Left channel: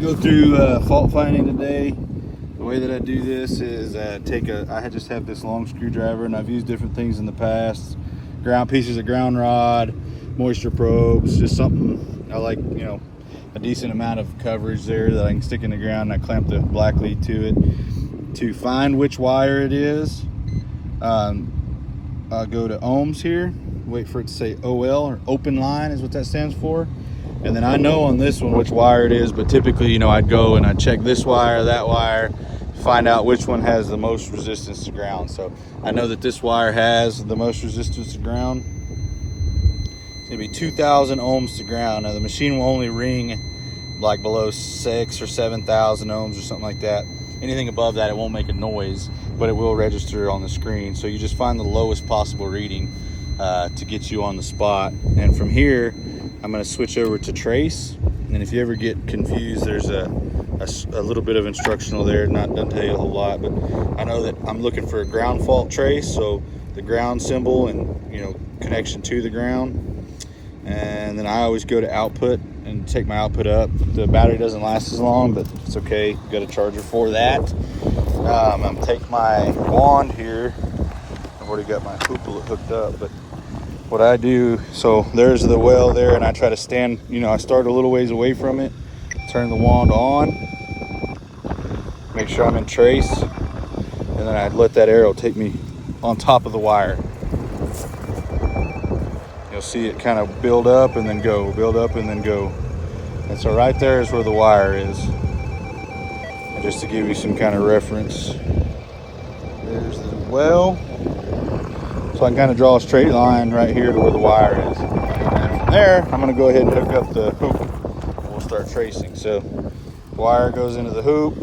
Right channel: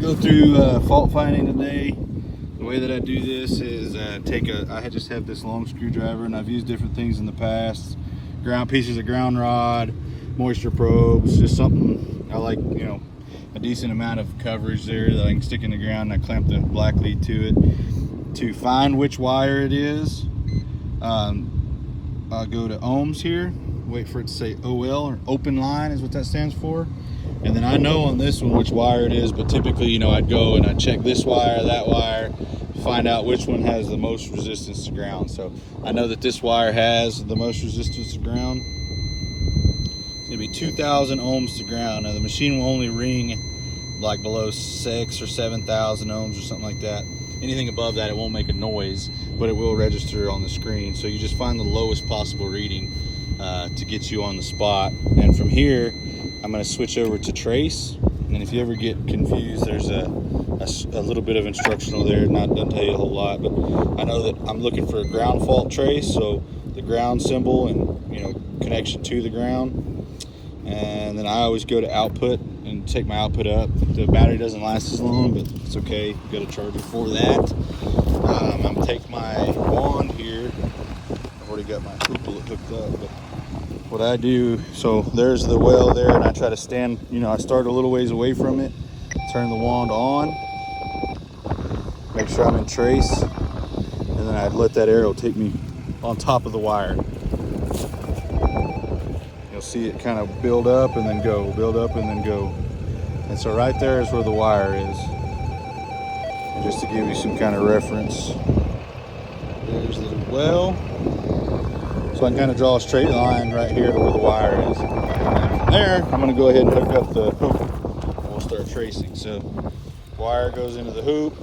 Go through fault finding today. The way that I do this is I just have this long screwdriver, and I've used different things in the past. Ground pieces of ground rod, moisture probes, just something I like, a decent amount of coverage there that I can stick in the ground, and I clamp the black lead to it. To find which wire it is, I'll go to ohms here, wait for it to say OL, or open line is what that stands for. And then I know on this one which wire it is, but typically, I'd go and I'd check this wire, that wire, find out which one has the most resistance to ground. So I know that this wire has the most resistance to ground. It's gonna be 2,000 ohms to ground. Now the machine will only ring like below 6,000 or 7,000 ohms or something like that. Anything above that, it won't make a noise, but it will register on the screen. So you just find the lowest possible reading to get you on the spot. And from here, I'm going to switch over to trace. And if you ever get confused, there's a little bit of instructional there. Doesn't tell you a whole lot, but I know that I'm looking for a ground fault trace. So the ground symbol and, connection to the ground. And then I always go to output and take my output up. The battery doesn't last as long, but it's okay. You've got a charger for that. I'm going to take my wand here. I've already got my hoop hooked up, but what I do, so there's the well there, and I try to stand, I start a little ways away from it, turn the wand on, make sure I'm in trace, and then I'd let that arrow take me on top of the wire. You'll see it kind of build up and then go, build up and then go. And so right there is where the wire is. And just to give you some kind of reference, there's the well. So I can kind of draw a straight line right here to where the wire is. And then from there, I'm gonna go ahead and hook up the hoop and we'll start tracing. So wire goes into the hoop.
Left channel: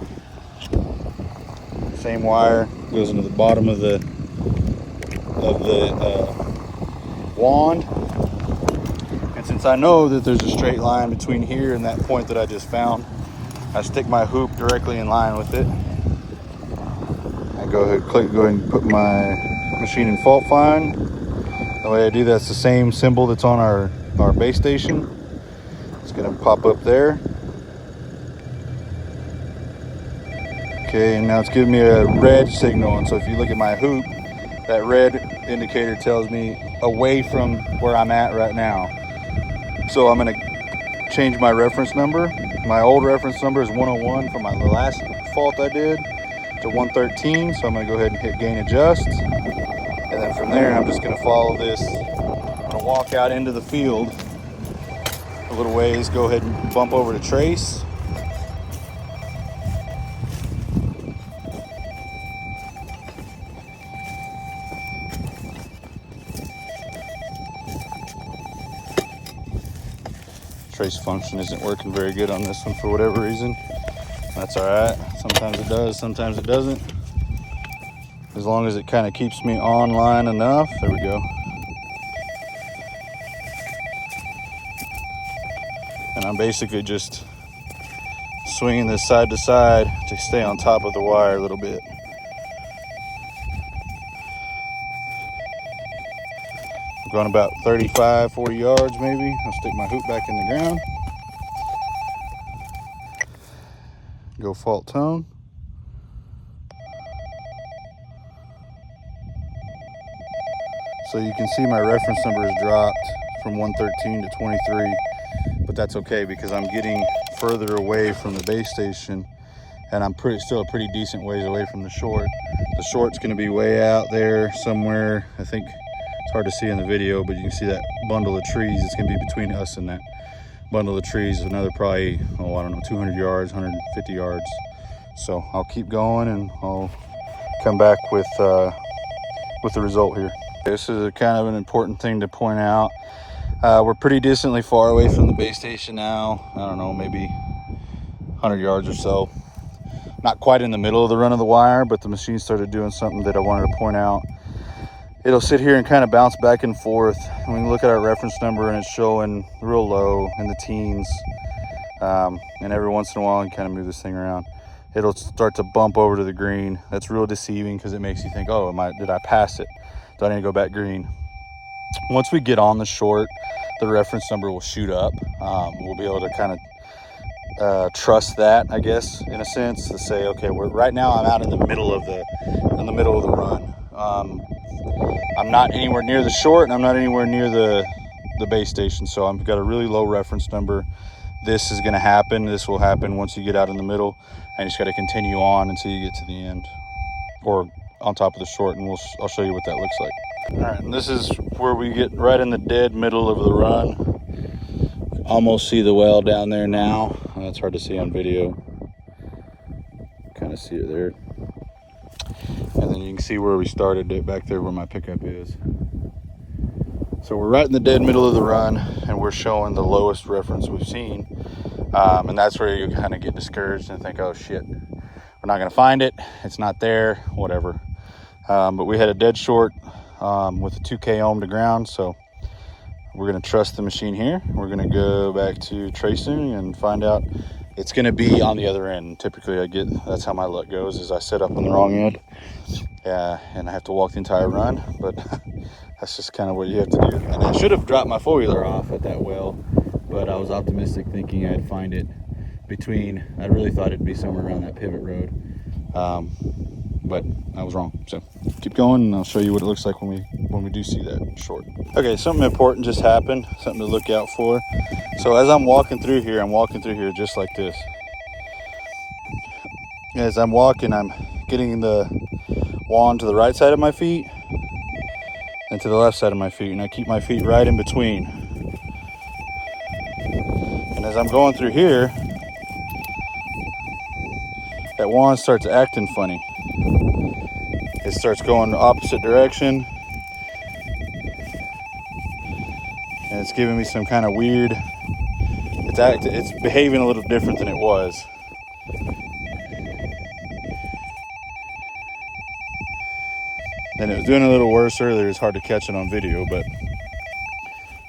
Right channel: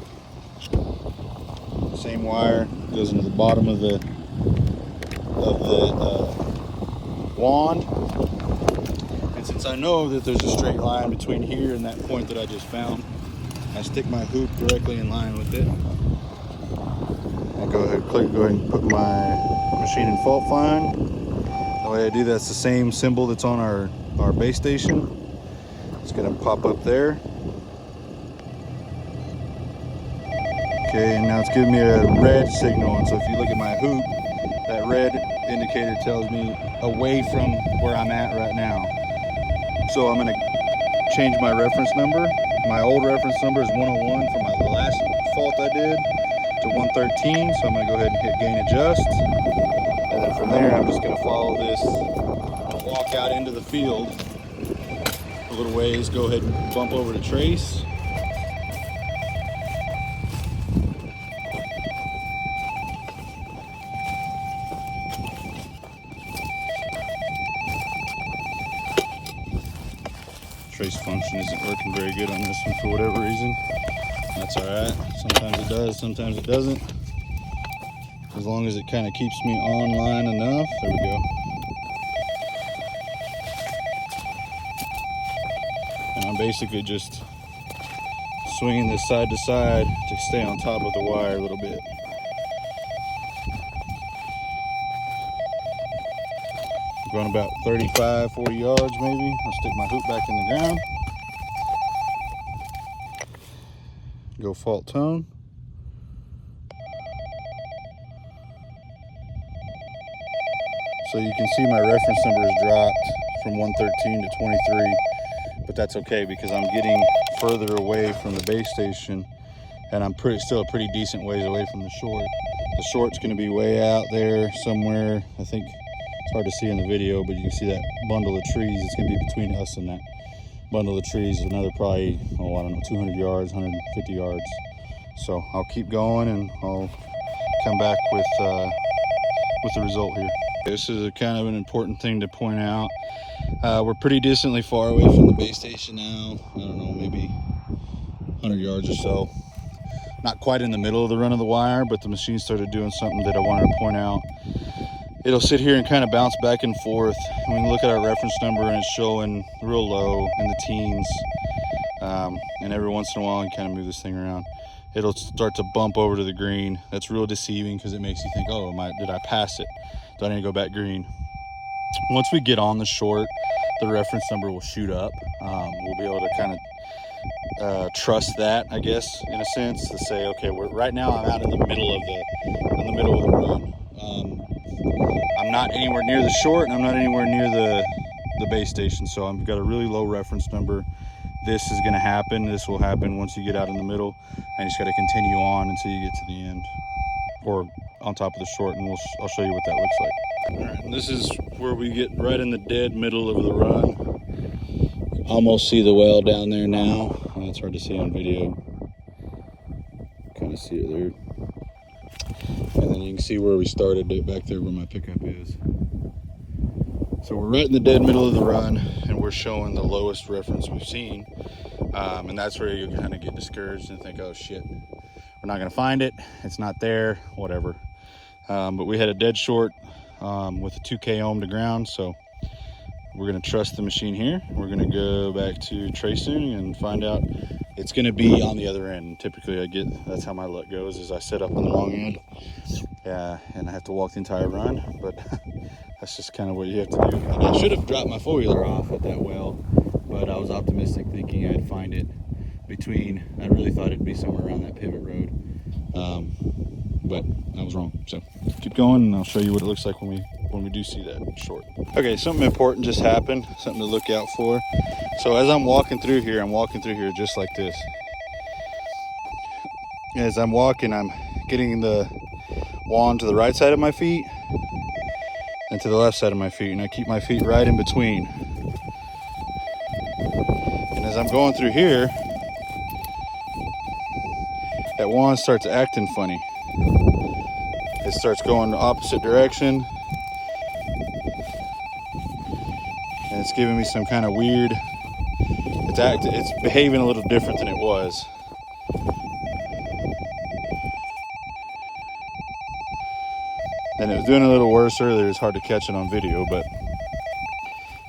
Same wire goes into the bottom of the wand. And since I know that there's a straight line between here and that point that I just found, I stick my hoop directly in line with it. I go ahead and put my machine in fault find. The way I do that's the same symbol that's on our base station. It's gonna pop up there. Okay, and now it's giving me a red signal. And so if you look at my hoop, that red indicator tells me away from where I'm at right now. So I'm gonna change my reference number. My old reference number is 101 from the last fault I did to 113. So I'm gonna go ahead and hit gain adjust. And then from there, I'm just gonna follow this. I'm gonna walk out into the field a little ways, go ahead and bump over to trace. Trace function isn't working very good on this one for whatever reason. That's all right. Sometimes it does, sometimes it doesn't. As long as it kind of keeps me online enough. There we go. And I'm basically just swinging this side to side to stay on top of the wire a little bit. I'm going about 35, 40 yards maybe. I'll stick my hoop back in the ground. Go fault tone. So you can see my reference number has dropped from 113 to 23, but that's okay because I'm getting further away from the base station, and I'm still a pretty decent ways away from the short. The short's going to be way out there somewhere. I think it's hard to see in the video, but you can see that bundle of trees. It's going to be between us and that bundle of trees. Another probably, 200 yards, 150 yards. So I'll keep going and I'll come back with the result here. This is kind of an important thing to point out. We're pretty decently far away from the base station now. I don't know, maybe 100 yards or so. Not quite in the middle of the run of the wire, but the machine started doing something that I wanted to point out. It'll sit here and kind of bounce back and forth. And we can look at our reference number and it's showing real low in the teens. And every once in a while, you kind of move this thing around. It'll start to bump over to the green. That's real deceiving because it makes you think, oh, did I pass it? Do I need to go back green? Once we get on the short, the reference number will shoot up. We'll be able to kind of trust that, I guess, in a sense, to say, okay, right now I'm out in the middle of the run. I'm not anywhere near the short, and I'm not anywhere near the base station, so I've got a really low reference number. This is going to happen. This will happen once you get out in the middle, and you just got to continue on until you get to the end, or on top of the short, and I'll show you what that looks like. All right, and this is where we get right in the dead middle of the run. Almost see the well down there now. That's hard to see on video. Kind of see it there. And then you can see where we started it back there where my pickup is. So we're right in the dead middle of the run, and we're showing the lowest reference we've seen. And that's where you kind of get discouraged and think, oh shit, we're not gonna find it. It's not there, whatever. But we had a dead short with a 2K ohm to ground. So we're gonna trust the machine here. We're gonna go back to tracing and find out it's gonna be on the other end. Typically that's how my luck goes, is I set up on the wrong end. And I have to walk the entire run, but that's just kind of what you have to do. And I should have dropped my four-wheeler off at that well, but I was optimistic thinking I'd find it I really thought it'd be somewhere around that pivot road. But I was wrong. So keep going, and I'll show you what it looks like when we do see that short. Okay, something important just happened, something to look out for. So as I'm walking through here just like this. As I'm walking, I'm getting the wand to the right side of my feet and to the left side of my feet, and I keep my feet right in between. And as I'm going through here, that wand starts acting funny. It starts going the opposite direction, and it's giving me some kind of weird, it's behaving a little different than it was. And it was doing a little worse earlier. It's hard to catch it on video, but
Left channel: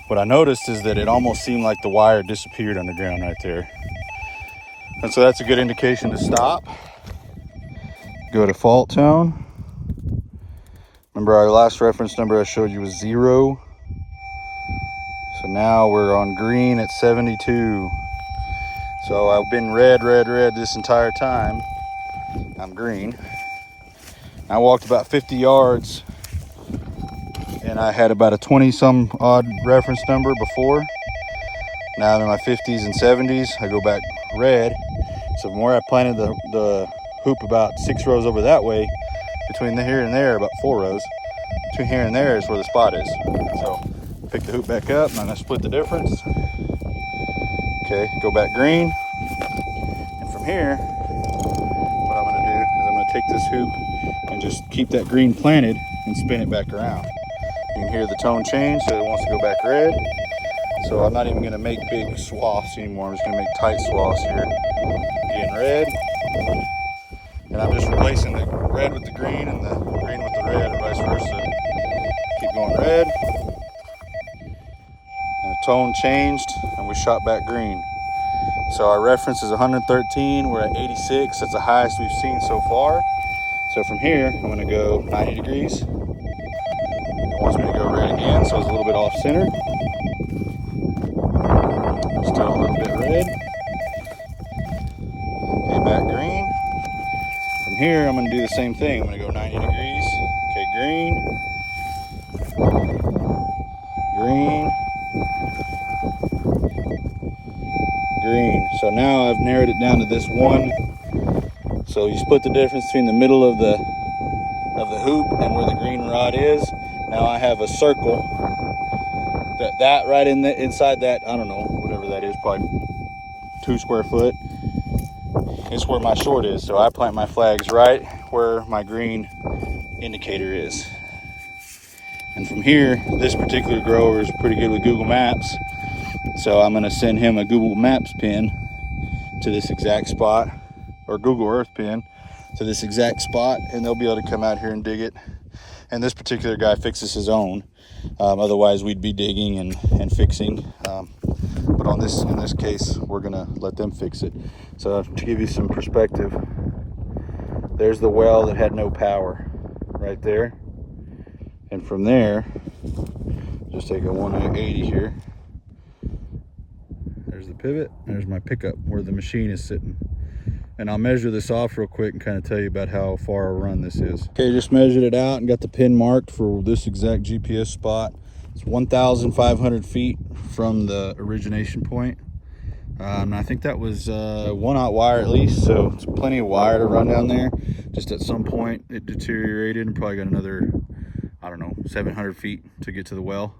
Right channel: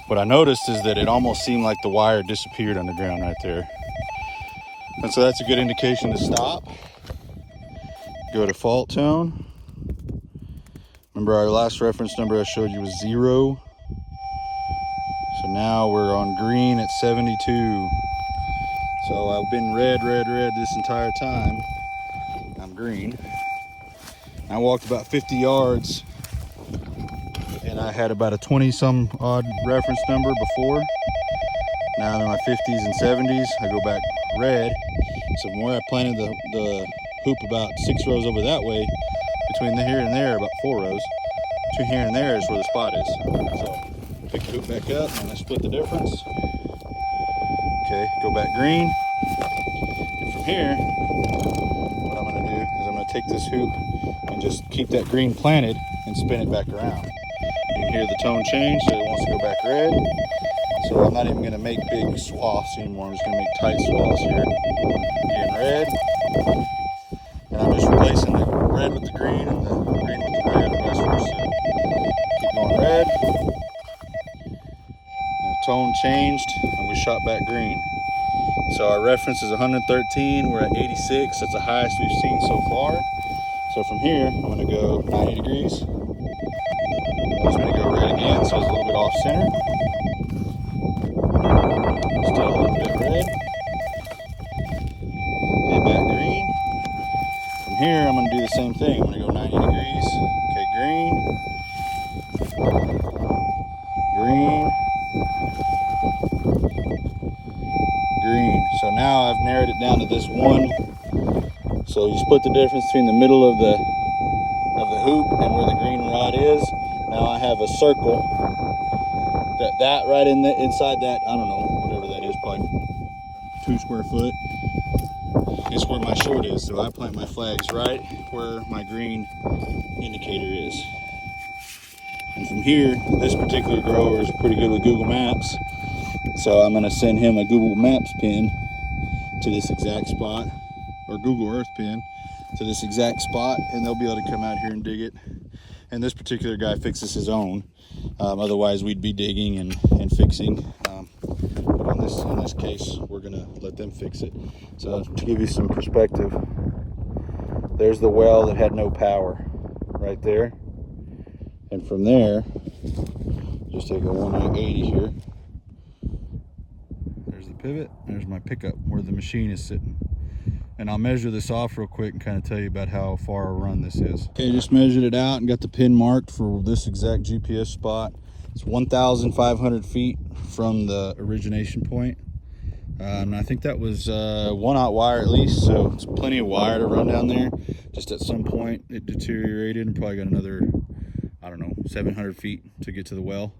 what I noticed is that it almost seemed like the wire disappeared underground right there. And so that's a good indication to stop. Go to fault tone. Remember our last reference number I showed you was 0. So now we're on green at 72. So I've been red this entire time. I'm green. I walked about 50 yards, and I had about a 20 some odd reference number before. Now I'm in my 50s and 70s. I go back red. So from where I planted the hoop about 6 rows over that way, between here and there, about 4 rows, between here and there is where the spot is. So pick the hoop back up, and I'm gonna split the difference. Okay, go back green. And from here, what I'm gonna do is I'm gonna take this hoop and just keep that green planted and spin it back around. You can hear the tone change, so it wants to go back red. So I'm not even gonna make big swaths anymore. I'm just gonna make tight swaths here. Again, red. And I'm just replacing the red with the green and the green with the red, or vice versa. Keep going red. And the tone changed, and we shot back green. So our reference is 113, we're at 86. That's the highest we've seen so far. So from here, I'm gonna go 90 degrees. It wants me to go red again, so it's a little bit off center. Still a little bit red. Okay, back green. From here, I'm gonna do the same thing. I'm gonna go 90 degrees. Okay, green. Green. Green. So now I've narrowed it down to this one. So you split the difference between the middle of the hoop and where the green rod is. Now I have a circle that right inside that, I don't know, whatever that is, probably 2 square foot, is where my short is. So I plant my flags right where my green indicator is. And from here, this particular grower is pretty good with Google Maps. So I'm gonna send him a Google Maps pin to this exact spot, or Google Earth pin to this exact spot, and they'll be able to come out here and dig it. And this particular guy fixes his own. Otherwise we'd be digging and fixing. But in this case, we're gonna let them fix it. So to give you some perspective, there's the well that had no power right there. And from there, just take a 180 here. There's the pivot. There's my pickup where the machine is sitting. And I'll measure this off real quick and kind of tell you about how far a run this is. Okay, just measured it out and got the pin marked for this exact GPS spot. It's 1,500 feet from the origination point. And I think that was 1/0 wire at least, so it's plenty of wire to run down there. Just at some point it deteriorated and probably got another, I don't know, 700 feet to get to the well.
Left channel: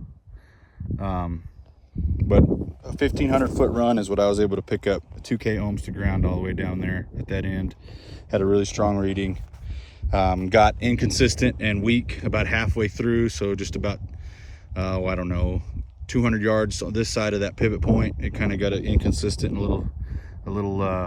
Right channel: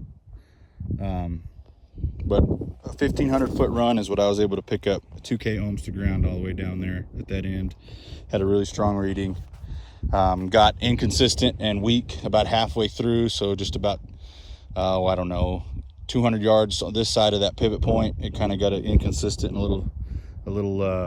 But a 1,500 foot run is what I was able to pick up. 2K ohms to ground all the way down there at that end. Had a really strong reading. Got inconsistent and weak about halfway through, so just about, I don't know, 200 yards on this side of that pivot point. It kind of got it inconsistent and a little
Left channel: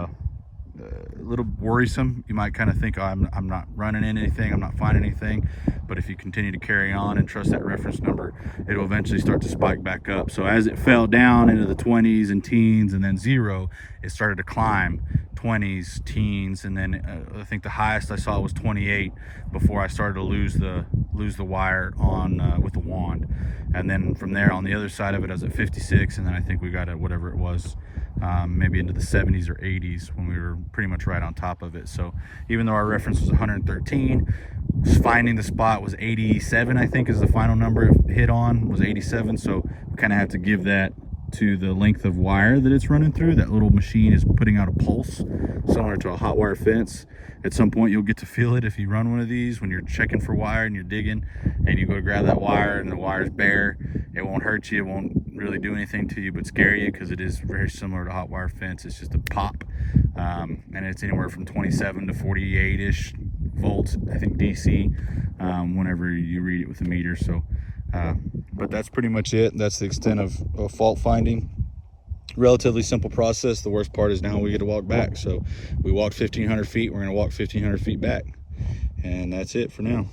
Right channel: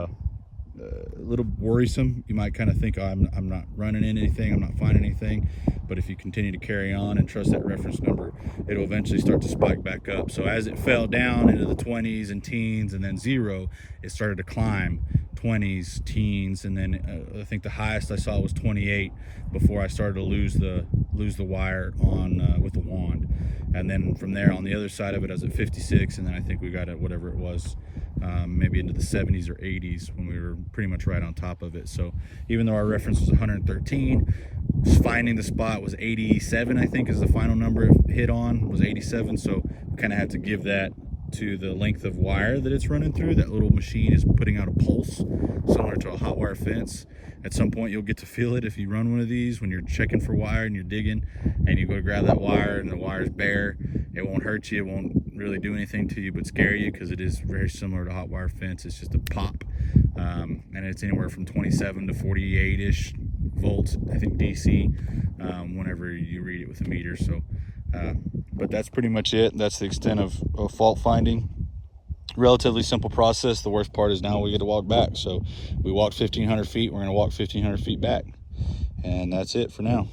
worrisome. You might kind of think, oh, I'm not running anything, I'm not finding anything. But if you continue to carry on and trust that reference number, it'll eventually start to spike back up. So as it fell down into the 20s and teens and then 0, it started to climb 20s, teens, and then I think the highest I saw was 28 before I started to lose the wire on with the wand. And then from there on the other side of it, I was at 56, and then I think we got at whatever it was, maybe into the 70s or 80s when we were pretty much right on top of it. So even though our reference was 113, finding the spot was 87, I think is the final number it hit on, was 87. So we kind of had to give that to the length of wire that it's running through. That little machine is putting out a pulse similar to a hot wire fence. At some point you'll get to feel it if you run one of these when you're checking for wire and you're digging and you go to grab that wire and the wire's bare. It won't hurt you, it won't really do anything to you but scare you, because it is very similar to hot wire fence. It's just a pop, and it's anywhere from 27 to 48-ish volts, I think DC, whenever you read it with a meter. So but that's pretty much it. That's the extent of fault finding. Relatively simple process. The worst part is now we get to walk back. So we walked 1,500 feet, we're going to walk 1,500 feet back, and that's it for now.